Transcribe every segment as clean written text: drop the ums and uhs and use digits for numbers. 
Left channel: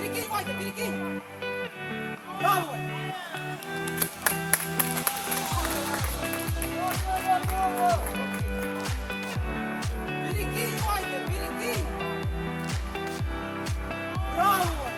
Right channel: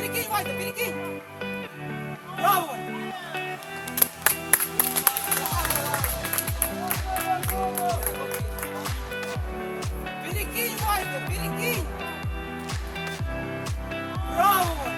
Перекинь, Вася, перекинь! Браво! Перекинь, Вася, перекинь! Браво!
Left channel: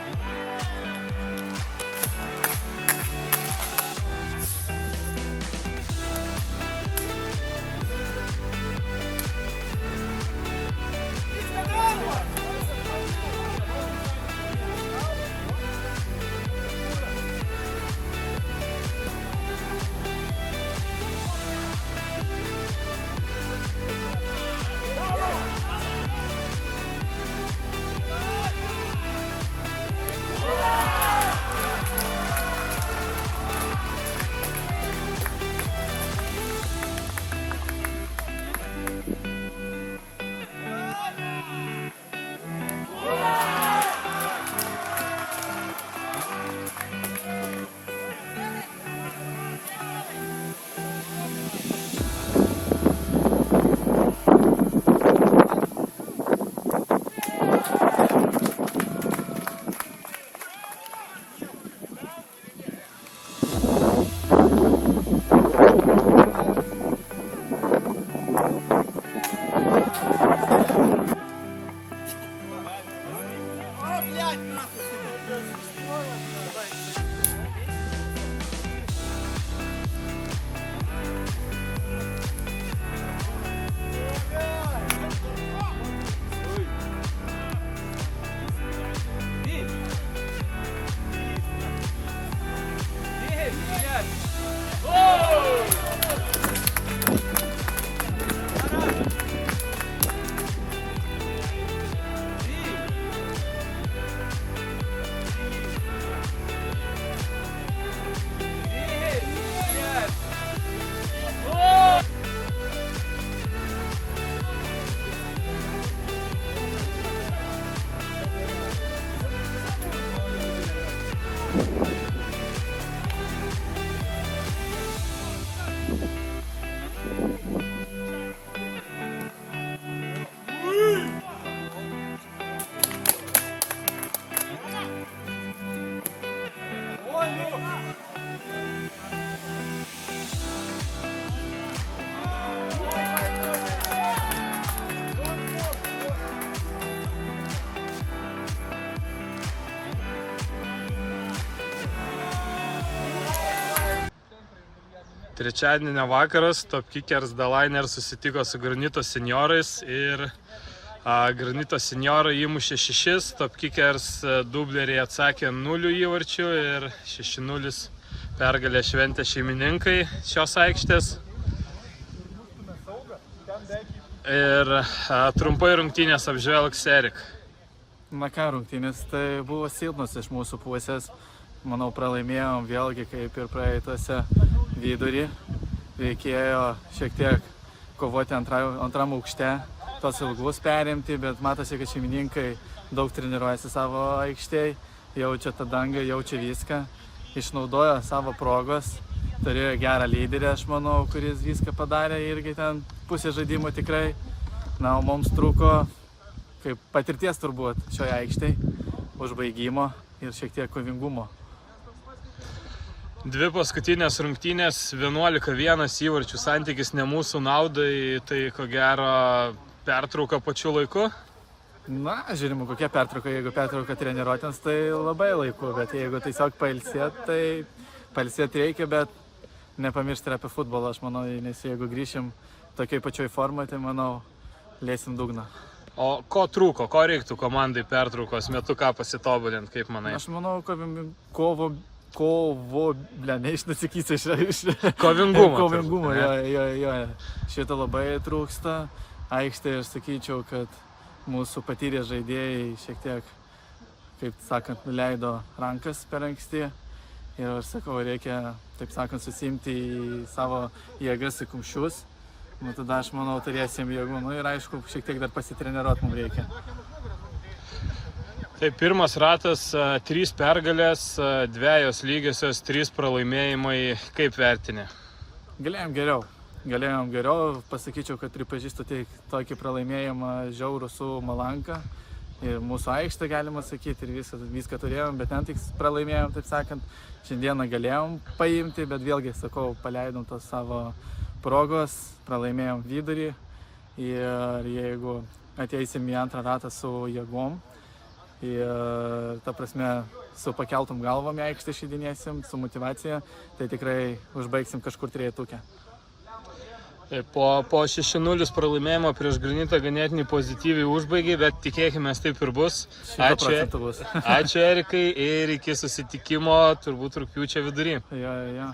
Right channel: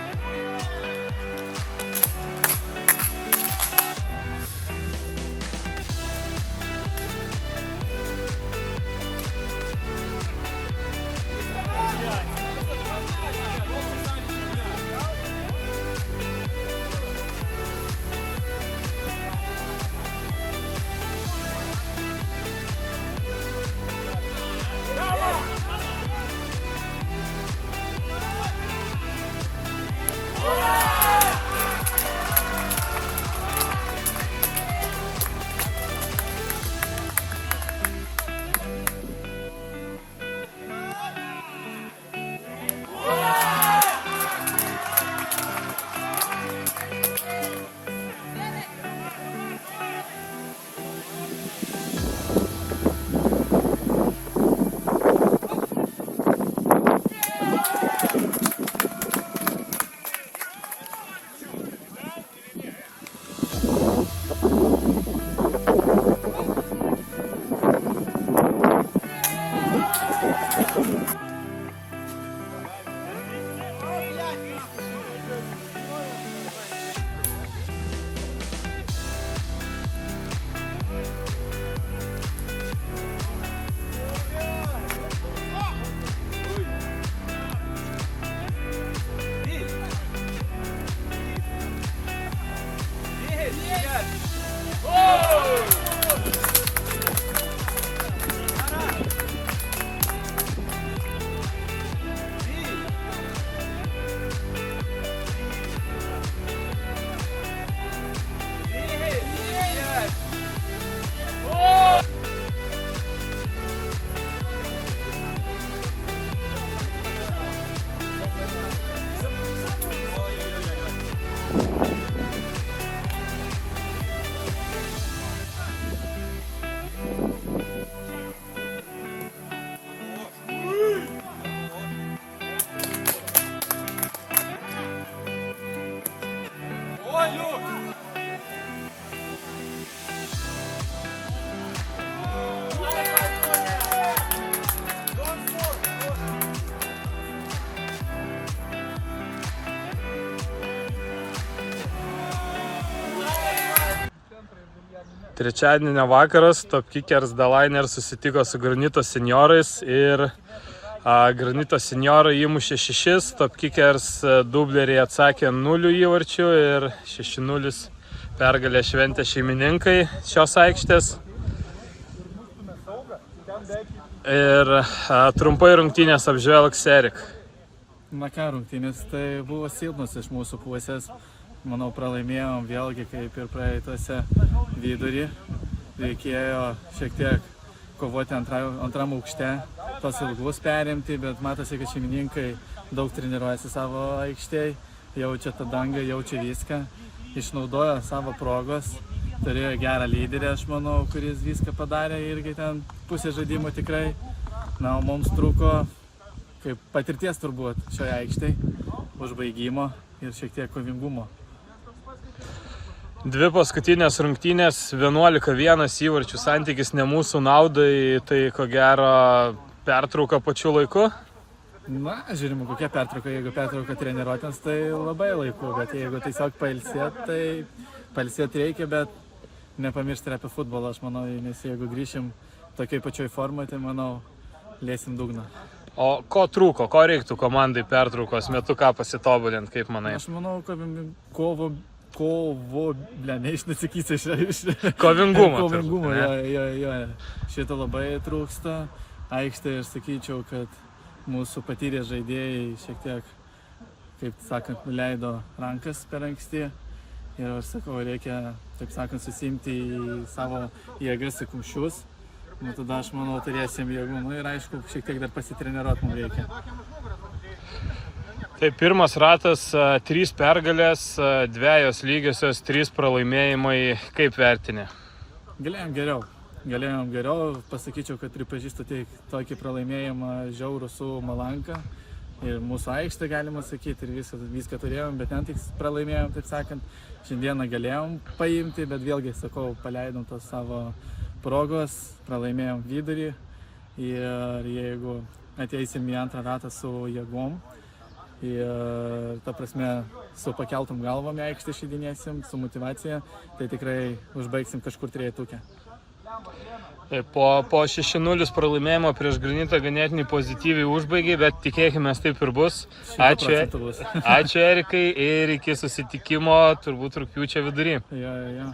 Trečiadienio vakaras Top Kickers The Liner susitiko su Granito seniorais ir Granito seniorai įmušė 6, Top Kickers dubleriai atsakė 0 įvarčių ir 6-0 pergalę šventė šeimininkai šios aikštės. Ir trumpai rungtynės apžvelgs Erik. Na ką, rungtynės tai buvo silpnos iš mūsų pusės. Manau, pralaimėjom vėlgi kaip ir praeitose vidurį. Reikėjo šiek tiek kovoti antram aukšte, tos ilgus perimti, bet matosi, kad šeimininkai daug treniruojasi savo aikštėj, jaučia tą dangą, jaučia viską, išnaudojo savo progos, turėjo gerą lyderį, aš manau, kuris viską padarė irgi ten pusę žaidimo tikrai. Na, o mums trūko kaip patirties turbūt šioje aikštėje, užbaigimo ir šiek tiek kovingumo. Dvi paskutinės rungtynės, 11-1 įvarčių santykis ne mūsų naudai, tai ko gero pertrauka pačiu laiku. Na, žiūrime, kokia pertrauka. Jeigu pertrauka treniruotėms, tai labai laiku, bet jeigu tiesiog pailsėt, tai pailsėt reikia, bet nepamiršti ir apie futbolą, aš manau, nes jeigu grįšim tokiai pačioj formai, tai manau, lėsim dugną. O ko trūko, ko reiktų komandai pertraukos metu, ką pasitobulinti, kaip manai? Aš manau, neišnasakysiu iš Kovingumo. Kovingumo, jo. Šito labai trūksta. Aikštėje aš sakyčiau, kad mūsų patyrę žaidėjai šiek tiek, kaip sakant, nuleido rankas per anksti. Ir aš sakau, reikia, taip sakant, susimti į savo jėgas į kumščius. Nu, tada aš manau, turėsim jėgų. Nu, ir aišku, šiek tiek dar pasitreniruot mums reikia. Tai pirmas ratas, 3 pergalės, 2 lygiosios, 3 pralaimėjimai. Kaip vertini? Galėjom geriau. Pasakyčiau, kad pripažįstu tokį pralaimėjimą žiaurų su Malanka. Ir mūsų aikštė, galima sakyti, ir viską turėjom, bet ten tik pralaimėjom, taip sakant. Šiandieną galėjom paimti, bet vėlgi, sakau, paleidom tos savo progos, pralaimėjom vidurį. Ir jeigu ateisim į antrą ratą su jėgom, ir ta prasme su pakeltom galvom į aikštę išeidinėsim, su motyvacija, tai tikrai užbaigsim kažkur trejetuke. Po 6-0 pralaimėjimo prieš Granitą ganėtinai pozityviai užbaigė, bet tikėkime taip ir bus. Ačiū Erikai ir iki susitikimo turbūt rugpjūčio vidury. Jo.